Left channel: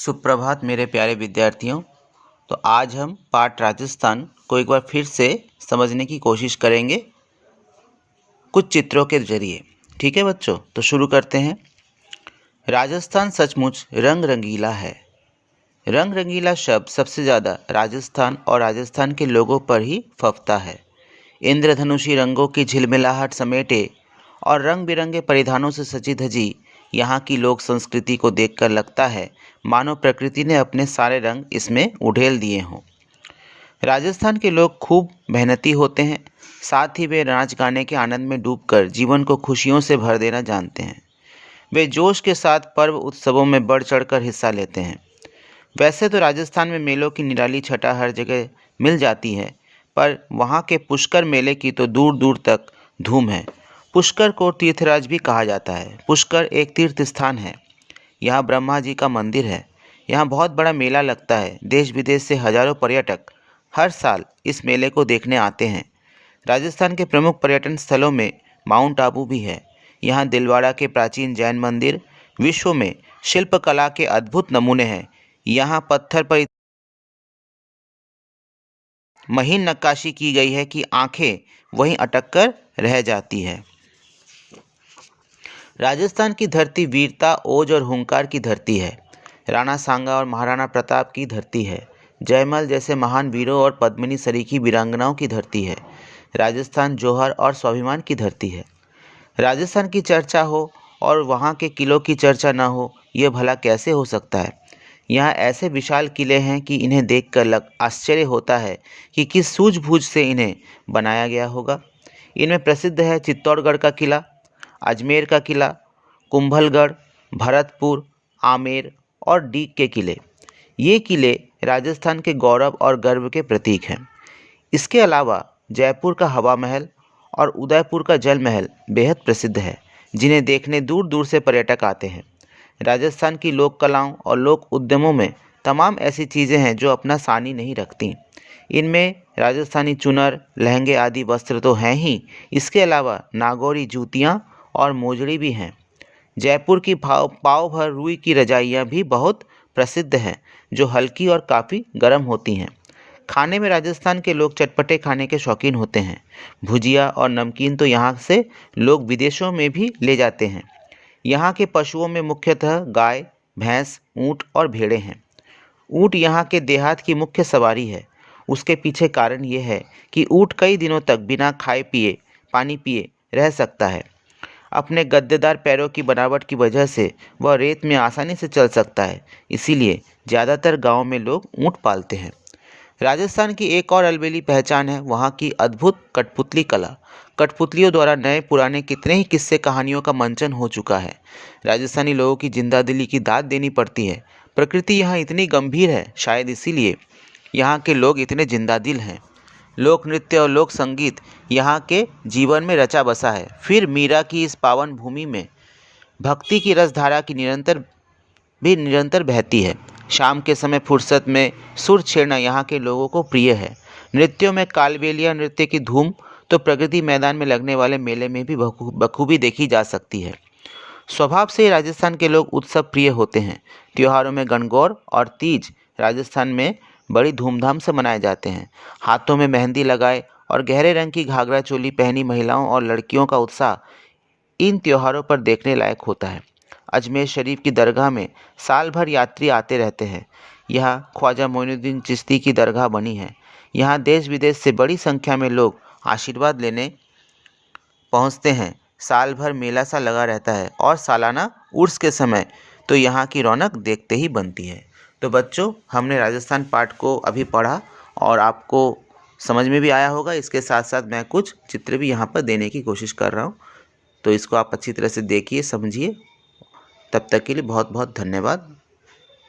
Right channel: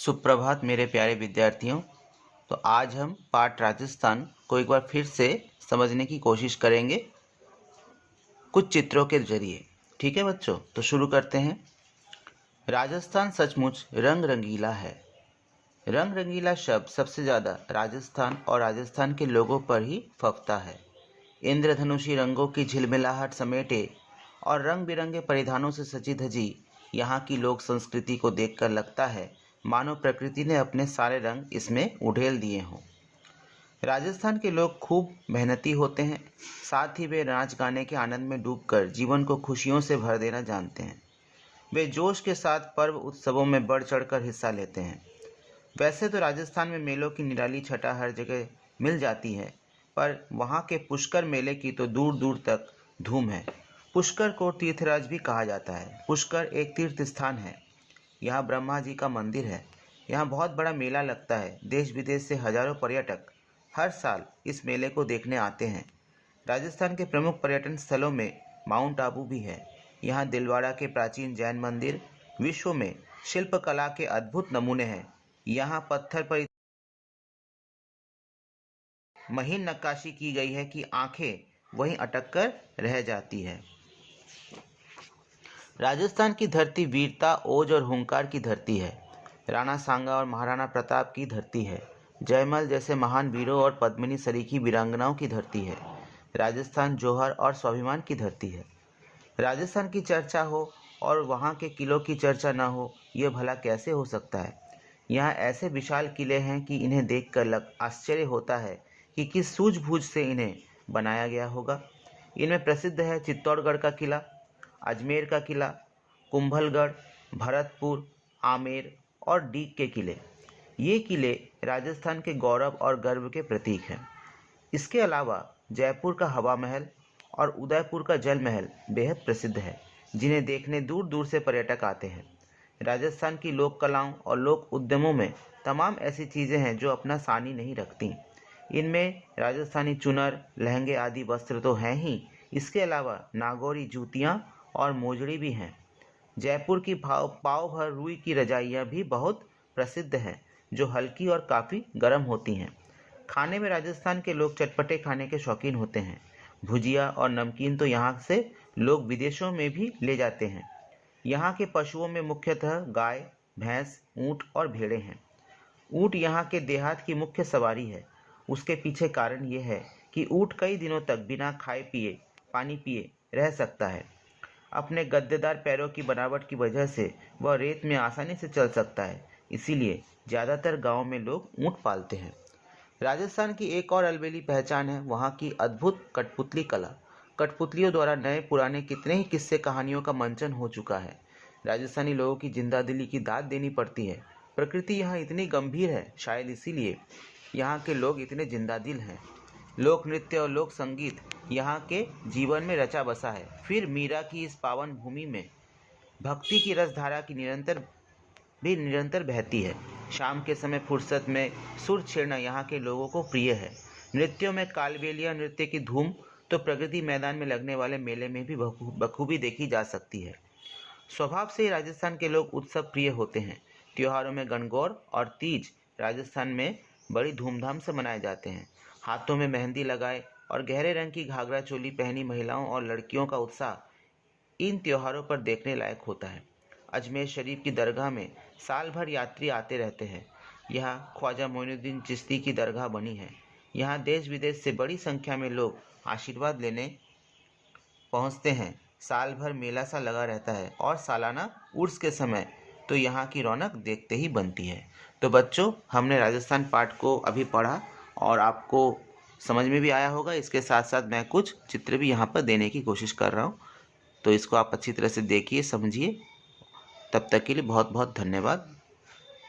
सुप्रभात मेरे प्यारे विद्यार्थियों। तो आज हम पाठ राजस्थान को एक बार फिर से समझने की कोशिश करेंगे कुछ चित्रों के जरिए। ठीक है बच्चों, तो शुरू करते हैं। राजस्थान सचमुच रंग रंगीला है। रंग रंगीला शब्द सबसे ज़्यादा राजस्थान और राजस्थान के लोगों पर ही फबता है। इंद्रधनुषी रंगों की झिलमिलाहट समेटे और रंग बिरंगे परिधानों से सजी धजी यहाँ की लोक संस्कृति को देखकर लगता है मानो प्रकृति ने अपने सारे रंग इसमें उड़ेल दिए हों। राजस्थान के लोग खूब मेहनती होते हैं, साथ ही वे नाच गाने के आनंद में डूबकर जीवन को खुशियों से भर देना जानते हैं। वे जोश के साथ पर्व उत्सवों में बढ़ चढ़कर हिस्सा लेते हैं। वैसे तो राजस्थान में मेलों की निराली छटा हर जगह मिल जाती है, पर वहाँ के पुष्कर मेले की तो दूर दूर तक धूम है। पुष्कर को तीर्थराज भी कहा जाता है। पुष्कर एक तीर्थ स्थान है। यहाँ ब्रह्मा जी का मंदिर है। यहाँ बहुत बड़ा मेला लगता है। देश विदेश से हजारों पर्यटक हर साल इस मेले को देखने आते हैं। राजस्थान के प्रमुख पर्यटन स्थलों में माउंट आबू भी है। यहाँ दिलवाड़ा के प्राचीन जैन मंदिर विश्व में शिल्पकला के अद्भुत नमूने हैं। यहाँ पत्थर पर महीन नक्काशी की गई है कि आंखें वहीं अटक कर रह जाती है। राजस्थान की धरती वीरता, ओज और हुंकार की धरती है। राणा सांगा और महाराणा प्रताप की धरती है। जयमल जैसे महान वीरों और पद्मिनी सरीखी वीरांगनाओं की धरती है। राजस्थान जौहर और स्वाभिमान की धरती है। राजस्थान की चर्चा हो और वहाँ के किलों की चर्चा न हो, यह भला कैसे हो सकता है। यहाँ ऐसे विशाल किले हैं कि इन्हें देखकर आश्चर्य होता है कि किस सूझबूझ से इन्हें बनाया गया होगा। इनमें प्रसिद्ध है चित्तौड़गढ़ का किला, अजमेर का किला, कुंभलगढ़, भरतपुर, आमेर और डीग के किले। ये किले राजस्थान के गौरव और गर्व के प्रतीक हैं। इसके अलावा जयपुर का हवा महल और उदयपुर का जल महल बेहद प्रसिद्ध है, जिन्हें देखने दूर दूर से पर्यटक आते हैं। राजस्थान की लोक कलाओं और लोक उद्यमों में तमाम ऐसी चीज़ें हैं जो अपना सानी नहीं रखती। इनमें राजस्थानी चुनर, लहंगे आदि वस्त्र तो हैं ही, इसके अलावा नागौरी जूतियाँ और मोजड़ी भी हैं। जयपुर की पाव भर रुई की रजाइयाँ भी बहुत प्रसिद्ध हैं, जो हल्की और काफ़ी गर्म होती हैं। खाने में राजस्थान के लोग चटपटे खाने के शौकीन होते हैं। भुजिया और नमकीन तो यहाँ से लोग विदेशों में भी ले जाते हैं। यहाँ के पशुओं में मुख्यतः गाय, भैंस, ऊँट और भेड़ें हैं। ऊँट यहाँ के देहात की मुख्य सवारी है। उसके पीछे कारण ये है कि ऊँट कई दिनों तक बिना खाए पिए, पानी पिए रह सकता है। अपने गद्देदार पैरों की बनावट की वजह से वह रेत में आसानी से चल सकता है, इसीलिए ज़्यादातर गाँव में लोग ऊँट पालते हैं। राजस्थान की एक और अलबेली पहचान है वहाँ की अद्भुत कठपुतली कला। कठपुतलियों द्वारा नए पुराने कितने ही किस्से कहानियों का मंचन हो चुका है। राजस्थानी लोगों की जिंदादिली की दाद देनी पड़ती है। प्रकृति यहाँ इतनी गंभीर है, शायद इसीलिए यहाँ के लोग इतने जिंदादिल हैं। लोक नृत्य और लोक संगीत यहाँ के जीवन में रचा बसा है। फिर मीरा की इस पावन भूमि में भक्ति की रसधारा की निरंतर बहती है। शाम के समय फुर्सत में सुर छेड़ना यहाँ के लोगों को प्रिय है। नृत्यों में कालबेलिया नृत्य की धूम तो प्रगति मैदान में लगने वाले मेले में भी बखूबी देखी जा सकती है। स्वभाव से ही राजस्थान के लोग उत्सव प्रिय होते हैं। त्योहारों में गणगौर और तीज राजस्थान में बड़ी धूमधाम से मनाए जाते हैं। हाथों में मेहंदी लगाए और गहरे रंग की घाघरा चोली पहनी महिलाओं और लड़कियों का उत्साह इन त्योहारों पर देखने लायक होता है। अजमेर शरीफ की दरगाह में साल भर यात्री आते रहते हैं। यहाँ ख्वाजा मोइनुद्दीन चिश्ती की दरगाह बनी है। यहाँ देश विदेश से बड़ी संख्या में लोग आशीर्वाद लेने पहुँचते हैं। साल भर मेला सा लगा रहता है और सालाना उर्स के समय तो यहाँ की रौनक देखते ही बनती है। तो बच्चों, हमने राजस्थान पाठ को अभी पढ़ा और आपको समझ में भी आया होगा। इसके साथ साथ मैं कुछ चित्र भी यहाँ पर देने की कोशिश कर रहा हूँ, तो इसको आप अच्छी तरह से देखिए, समझिए। तब तक के लिए बहुत बहुत धन्यवाद।